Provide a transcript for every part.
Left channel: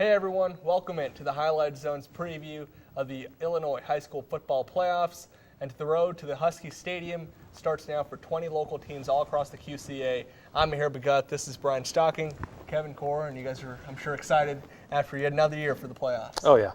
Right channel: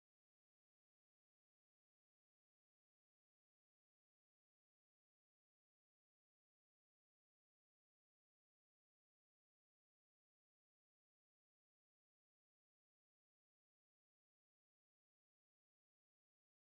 Hey everyone, welcome in to the Highlight Zone's preview of the Illinois High School Football Playoffs. And the road to the Husky Stadium starts now for 20 local teams all across the QCA. I'm Mihir Bagut, this is Brian Stocking, Kevin Core, and you guys are, I'm sure, excited after yet another year for the playoffs. Oh yeah,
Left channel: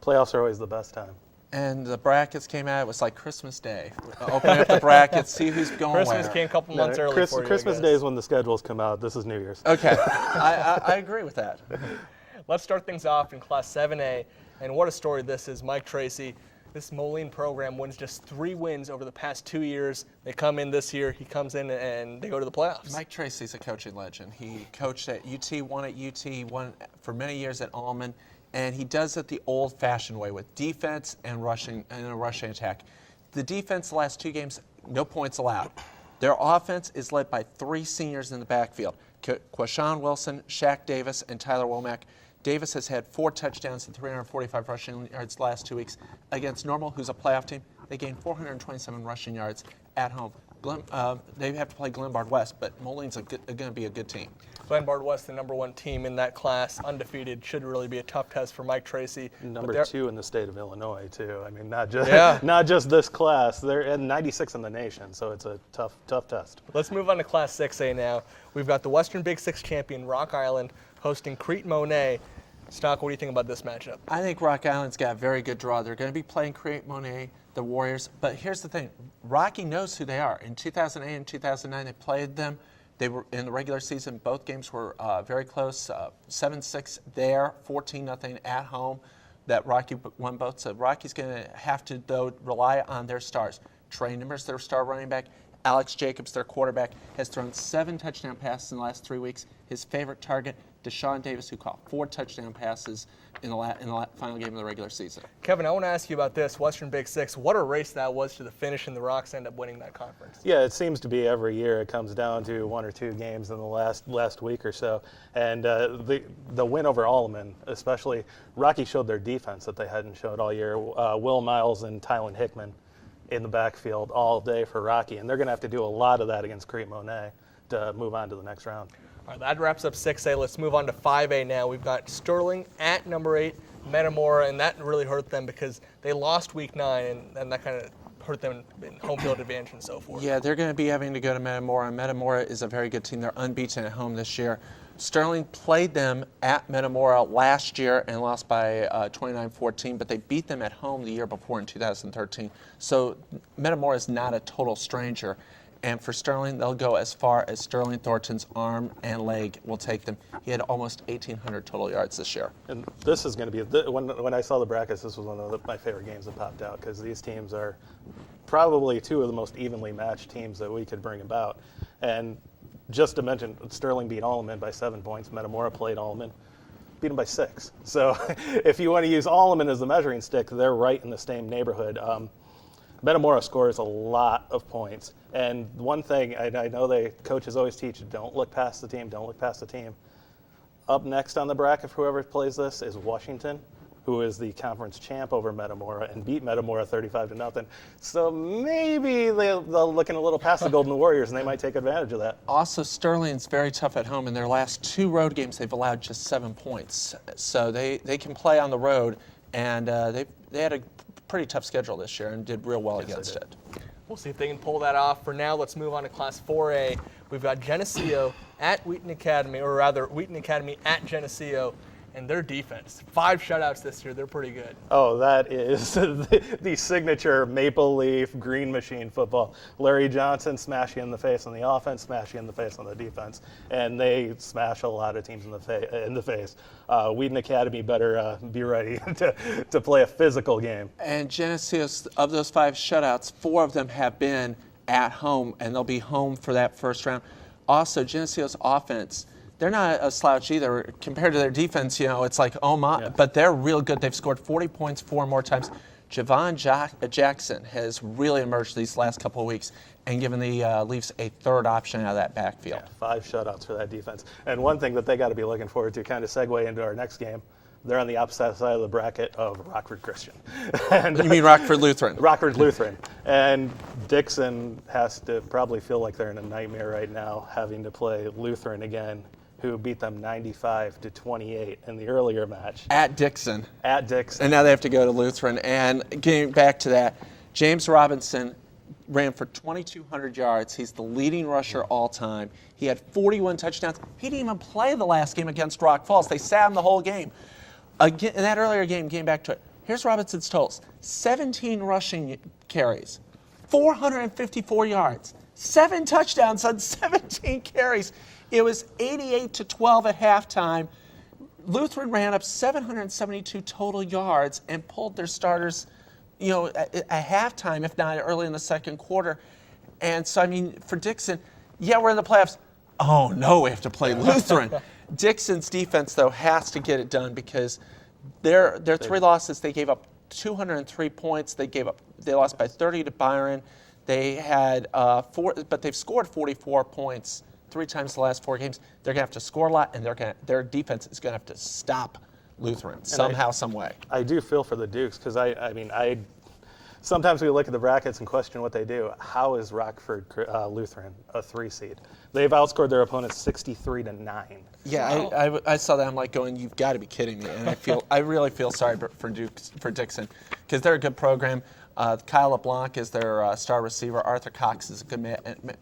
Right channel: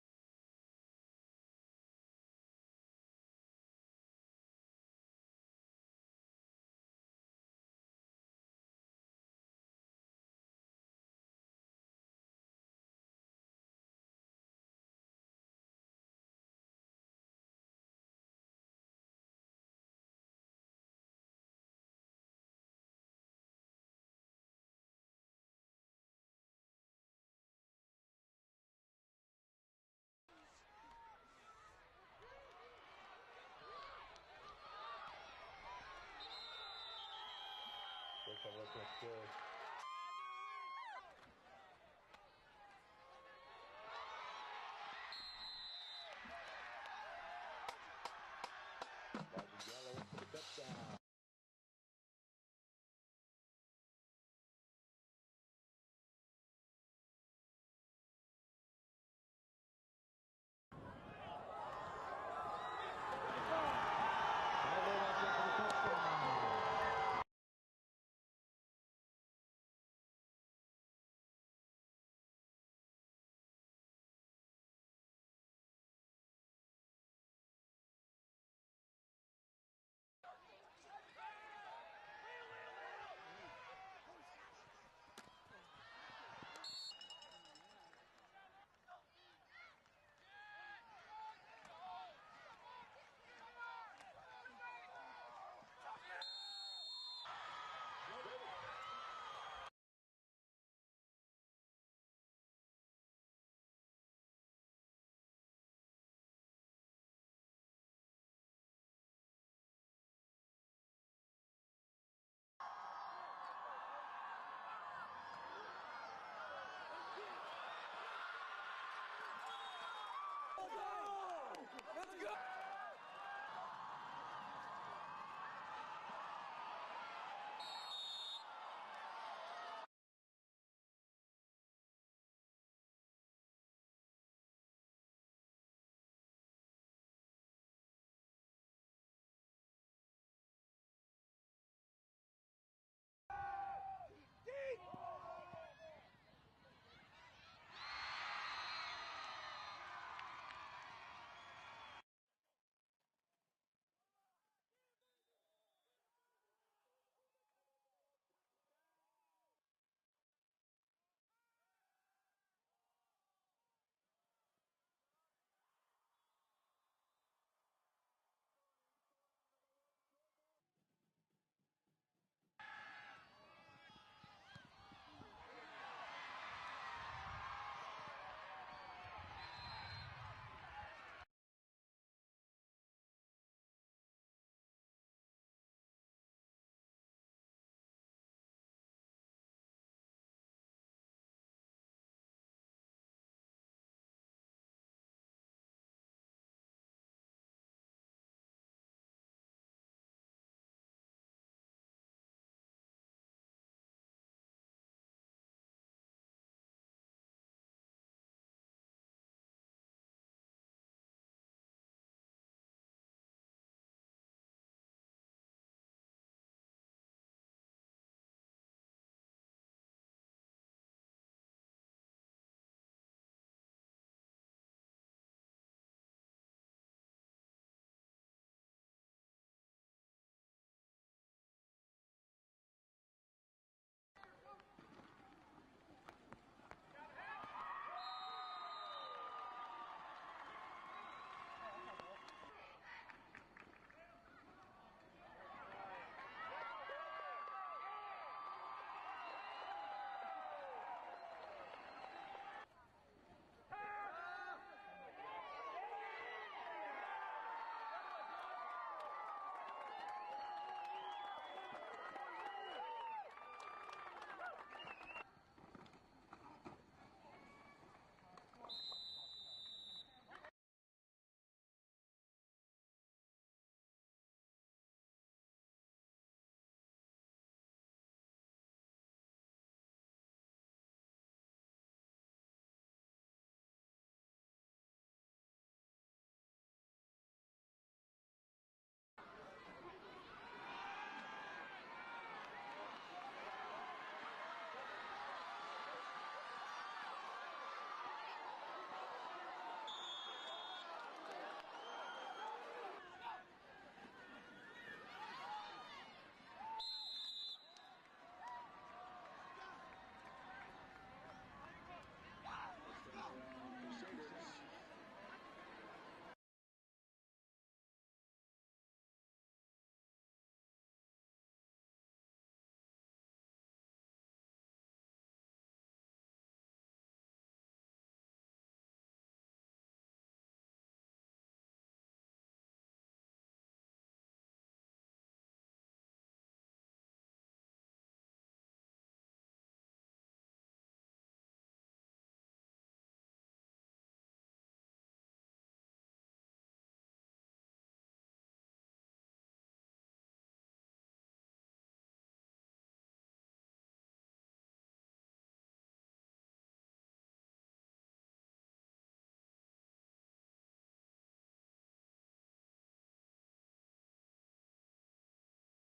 playoffs are always the best time. And the brackets came out, it was like Christmas Day. Open up the brackets, see who's going Christmas where. came a couple months early for you, Christmas Day is when the schedules come out. This is New Year's. Okay, I agree with that. Let's start things off in Class 7A, and what a story this is. Mike Tracy, this Moline program wins just 3 wins over the past 2 years. They come in this year, he comes in, and they go to the playoffs. Mike Tracy's a coaching legend. He coached at UT, won at UT, won for many years at Allman, and he does it the old-fashioned way with defense and rushing and a rushing attack. The defense the last 2 games, no points allowed. Their offense is led by 3 seniors in the backfield, Quashawn Wilson, Shaq Davis, and Tyler Womack. Davis has had 4 touchdowns and 345 rushing yards the last 2 weeks. Against Normal, who's a playoff team, they gained 427 rushing yards at home. They have to play Glenbard West, but Moline's going to be a good team. Glenbard West, the #1 team in that class, undefeated, should really be a tough test for Mike Tracy. Number 2 in the state of Illinois, too. I mean, not just this class. They're at 96 in the nation, so it's a tough test. Let's move on to Class 6A now. We've got the Western Big Six champion, Rock Island, hosting Crete Monet. Stock, what do you think about this matchup? I think Rock Island's got a very good draw. They're going to be playing Crete Monet, the Warriors. But here's the thing. Rocky knows who they are. In 2008 and 2009, they played them. They were in the regular season. Both games were very close. 7-6 there, 14-0 at home. That Rocky won both. So Rocky's going to have to, though, rely on their stars. Trey Nimmers, their star running back. Alex Jacobs, their quarterback, has thrown 7 touchdown passes in the last 3 weeks. His favorite target, Deshaun Davis, who caught 4 touchdown passes in the final game of the regular season. Kevin, I want to ask you about this Western Big Six. What a race that was to the finish, and the Rocks end up winning that conference. Yeah, it seems to be every year. It comes down to 1 or 2 games in the last week or so. And the win over Alleman, especially, Rocky showed their defense that they hadn't showed all year. Will Miles and Tylen Hickman in the backfield all day for Rocky, and they're going to have to do a lot of that against Crete Monet to move on to the next round. All right, that wraps up 6A. Let's move on to 5A now. We've got Sterling at number 8, Metamora, and that really hurt them because they lost week 9, and that kind of hurt them in home field advantage and so forth. Yeah, they're going to be having to go to Metamora, and Metamora is a very good team. They're unbeaten at home this year. Sterling played them at Metamora last year and lost by 29-14, but they beat them at home the year before in 2013. So Metamora is not a total stranger. And for Sterling, they'll go as far as Sterling Thornton's arm and leg will take them. He had almost 1,800 total yards this year. And this is going to be, when I saw the brackets, this was one of my favorite games that popped out because these teams are probably 2 of the most evenly matched teams that we could bring about. And just to mention, Sterling beat Alleman by 7 points. Metamora played Alleman, beat them by 6. So if you want to use Alleman as the measuring stick, they're right in the same neighborhood. Metamora scores a lot of points. And one thing I know coaches always teach, don't look past the team, don't look past the team. Up next on the bracket for whoever plays this is Washington, who is the conference champ over Metamora and beat Metamora 35-0. So maybe they'll looking a little past the Golden Warriors, and they might take advantage of that. Also, Sterling's very tough at home. In their last 2 road games, they've allowed just 7 points. So they can play on the road, and they had a pretty tough schedule this year and did real well against it. We'll see if they can pull that off. For now, let's move on to Class 4A. We've got Geneseo at Wheaton Academy, or rather Wheaton Academy at Geneseo, and their defense. 5 shutouts this year. They're pretty good. Oh, that is the signature Maple Leaf Green Machine football. Larry Johnson smash you in the face on the offense, smash you in the face on the defense, and they smash a lot of teams in the face. Wheaton Academy better be ready to play a physical game. And Geneseo, of those 5 shutouts, 4 of them have been at home, and they'll be home for that first round. Also, Geneseo's offense, they're not a slouch either. Compared to their defense, it's like, oh my, yeah. But they're real good. They've scored 40 points 4 more times. Javon Jackson has really emerged these last couple of weeks and given the Leafs a 3rd option out of that backfield. Yeah, 5 shutouts for that defense. And one thing that they got to be looking forward to, kind of segue into our next game, they're on the opposite side of the bracket of Rockford Christian. And, you mean Rockford Lutheran? Rockford Lutheran. And Dixon has to probably feel like they're in a nightmare right now, having to play Lutheran again who beat them 95-28 in the earlier match At Dixon. at Dixon. And now they have to go to Lutheran. And getting back to that, James Robinson ran for 2,200 yards. He's the leading rusher all time. He had 41 touchdowns. He didn't even play the last game against Rock Falls. They sat him the whole game. Again, in that earlier game, getting back to it, here's Robinson's totals. 17 rushing carries, 454 yards, 7 touchdowns on 17 carries. It was 88-12 at halftime. Lutheran ran up 772 total yards and pulled their starters, at halftime, if not early in the second quarter. And so, I mean, for Dixon, yeah, we're in the playoffs. Oh, no, we have to play Lutheran. Dixon's defense, though, has to get it done because their 3 losses, they gave up 203 points. They lost by 30 to Byron. They had but they've scored 44 points 3 times the last 4 games. They're going to have to score a lot, and their defense is going to have to stop Lutheran somehow, some way. I do feel for the Dukes because sometimes we look at the brackets and question what they do. How is Rockford Lutheran a 3 seed? They've outscored their opponents 63-9. Yeah, wow. I saw that. I'm like going, you've got to be kidding me. And I really feel sorry for Dixon because they're a good program. Kyle LeBlanc is their star receiver. Arthur Cox is a good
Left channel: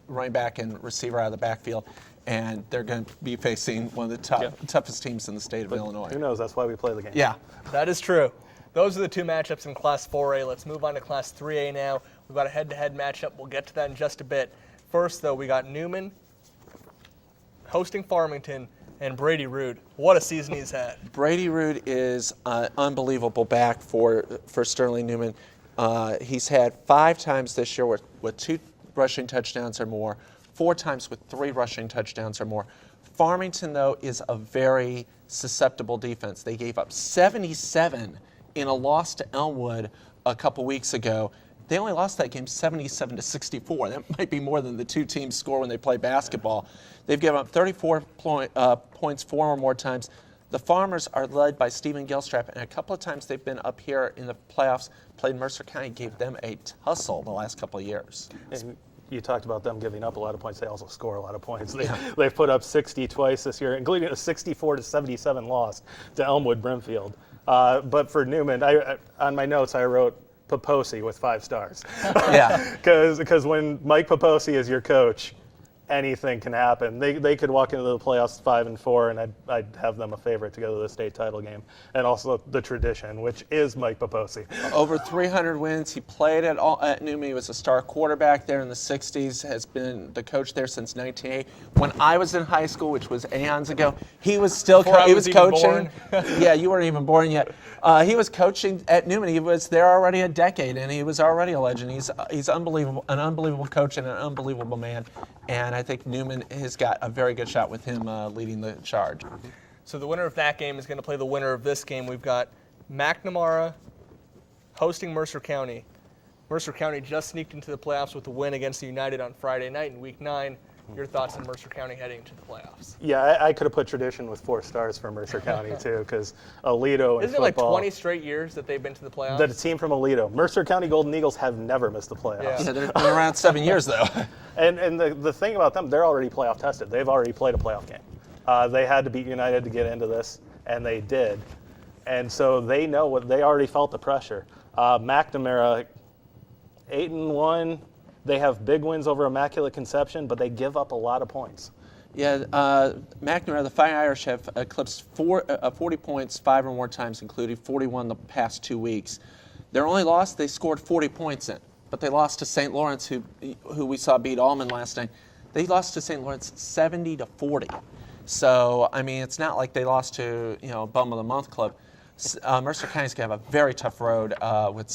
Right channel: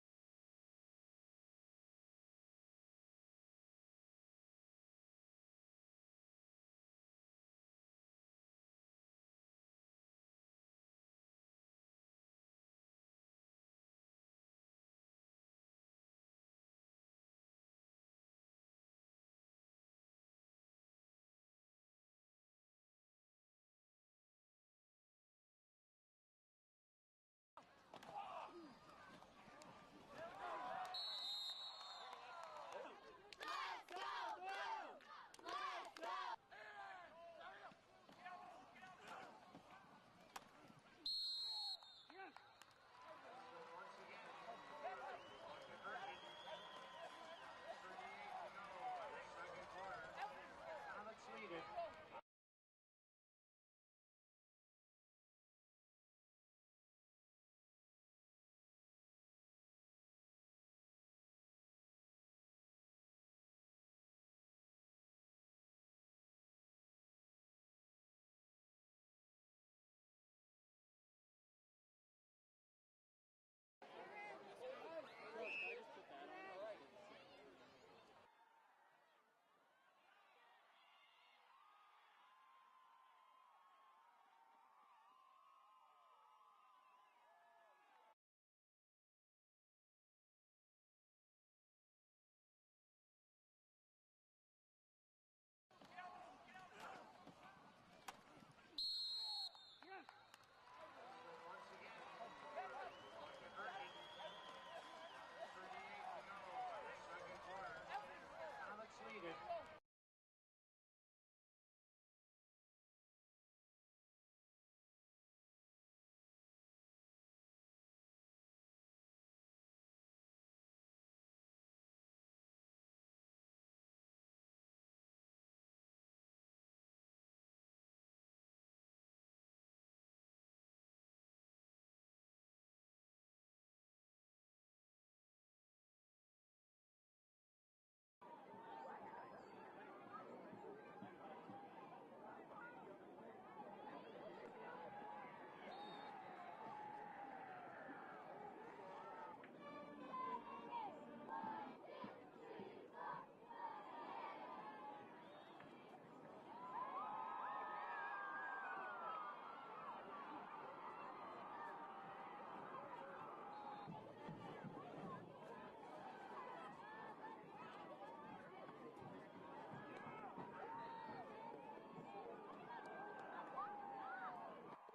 running back and receiver out of the backfield. And they're going to be facing one of the toughest teams in the state of Illinois. Who knows? That's why we play the game. Yeah. That is true. Those are the 2 matchups in Class 4A. Let's move on to Class 3A now. We've got a head-to-head matchup. We'll get to that in just a bit. First, though, we got Newman hosting Farmington and Brady Rude. What a season he's had. Brady Rude is unbelievable back for Sterling Newman. He's had 5 times this year with 2 rushing touchdowns or more, 4 times with 3 rushing touchdowns or more. Farmington, though, is a very susceptible defense. They gave up 77 in a loss to Elmwood a couple weeks ago. They only lost that game 77-64. That might be more than the 2 teams score when they play basketball. They've given up 34 points 4 or more times. The Farmers are led by Stephen Gilstrap, and a couple of times they've been up here in the playoffs, played Mercer County, gave them a tussle the last couple of years. And you talked about them giving up a lot of points. They also score a lot of points. They've put up 60 twice this year, including a 64-77 loss to Elmwood Brimfield. But for Newman, on my notes I wrote Poposi with 5 stars. Yeah. Because when Mike Poposi is your coach, anything can happen. They could walk into the playoffs 5-4, and I'd have them a favorite to go to the state title game. And also the tradition, which is Mike Poposi. Over 300 wins. He played at Newman. He was a star quarterback there in the 60s, has been the coach there since 1980. When I was in high school, which was aeons ago, he was still coaching. Yeah, you weren't even born yet. He was coaching at Newman. He was there already a decade, and he was already a legend. He's unbelievable, an unbelievable coach and an unbelievable man. And I think Newman has got a very good shot with him leading the charge. So the winner of that game is going to play the winner of this game. We've got McNamara hosting Mercer County. Mercer County just sneaked into the playoffs with a win against the United on Friday night in Week 9. Your thoughts on Mercer County heading to the playoffs? Yeah, I could have put tradition with 4 stars for Mercer County, too, because Alito in Isn't it like football, 20 straight years that they've been to the playoffs? the team from Alito. Mercer County Golden Eagles have never missed the playoffs. Yeah. Yeah, they've been around 7 years, though. And the thing about them, they're already playoff tested. They've already played a playoff game. They had to beat United to get into this, and they did. And so they know they already felt the pressure. McNamara, 8-1. They have big wins over Immaculate Conception, but they give up a lot of points. Yeah, McNamara, the Fighting Irish have eclipsed 40 points 5 or more times, including 41 the past 2 weeks. Their only loss, they scored 40 points in, but they lost to St. Lawrence, who we saw beat Allman last night. They lost to St. Lawrence 70-40. So, I mean, it's not like they lost to, Bum of the Month club. Mercer County's going to have a very tough road with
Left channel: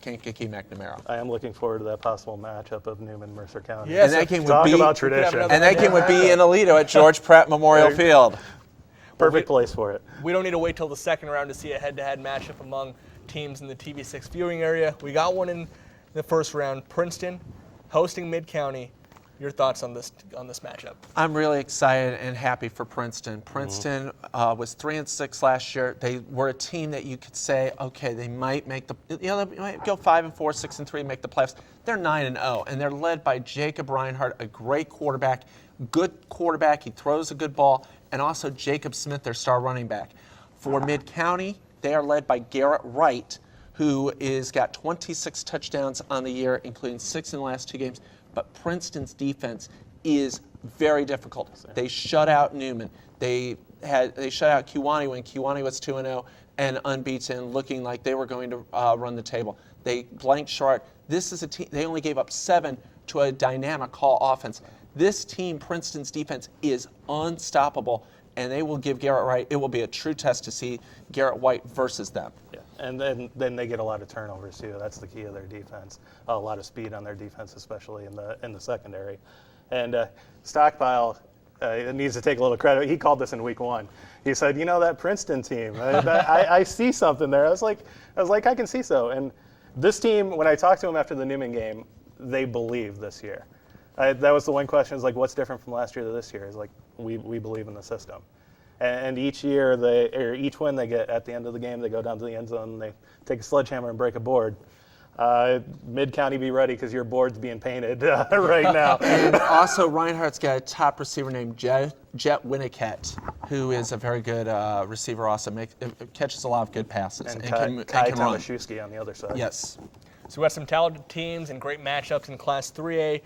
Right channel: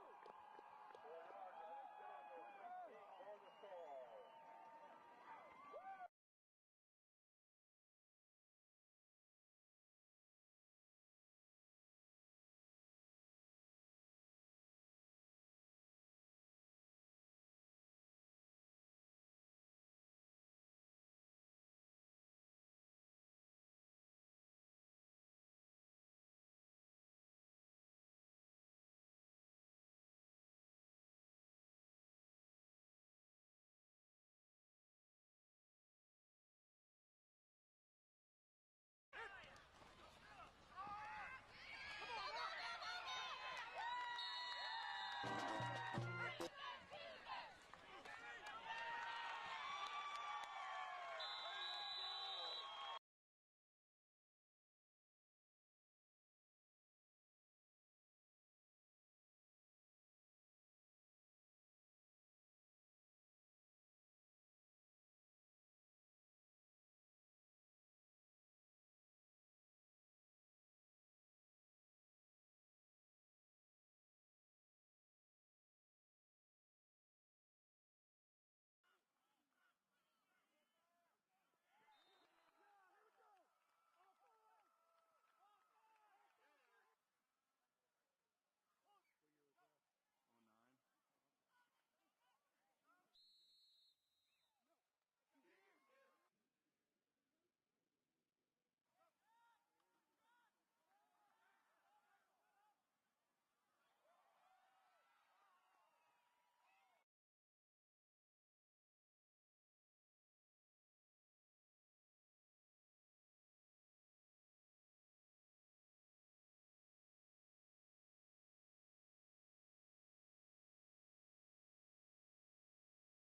Kankakee McNamara. I am looking forward to that possible matchup of Newman Mercer County. Yes, and that game Talk would be about tradition. and that game would be in Alito at George Pratt Memorial Field. Perfect place for it. We don't need to wait till the second round to see a head-to-head matchup among teams in the TV6 viewing area. We got one in the first round. Princeton hosting Mid-County. Your thoughts on this matchup? I'm really excited and happy for Princeton. Princeton was 3-6 last year. They were a team that you could say, okay, they might make they might go 5-4, 6-3, make the playoffs. They're 9-0, and they're led by Jacob Reinhardt, a great quarterback, good quarterback. He throws a good ball. And also Jacob Smith, their star running back. For Mid-County, they are led by Garrett Wright, who is got 26 touchdowns on the year, including 6 in the last 2 games. But Princeton's defense is very difficult. They shut out Newman. They shut out Kewanee when Kewanee was 2-0 and unbeaten, looking like they were going to run the table. They blanked Short. This is a team. They only gave up 7 to a dynamic Hall offense. This team, Princeton's defense, is unstoppable, and they will give Garrett Wright. It will be a true test to see Garrett White versus them. Yeah, and then they get a lot of turnovers too. That's the key of their defense. A lot of speed on their defense, especially in the secondary. And Stockpile needs to take a little credit. He called this in week 1. He said, that Princeton team, I see something there. I was like, I can see so. And this team, when I talked to him after the Newman game, they believe this year. That was the one question. Is like, what's different from last year to this year? Is like, we believe in the system. And each year, each win they get at the end of the game, they go down to the end zone and they take a sledgehammer and break a board. Mid-County, be ready because your board's being painted right now. And also, Reinhardt's got a top receiver named Jet Winniket, who is a very good receiver. Also, catches a lot of good passes And can run. Tomaszewski on the other side. Yes. So we have some talented teams and great matchups in Class 3A.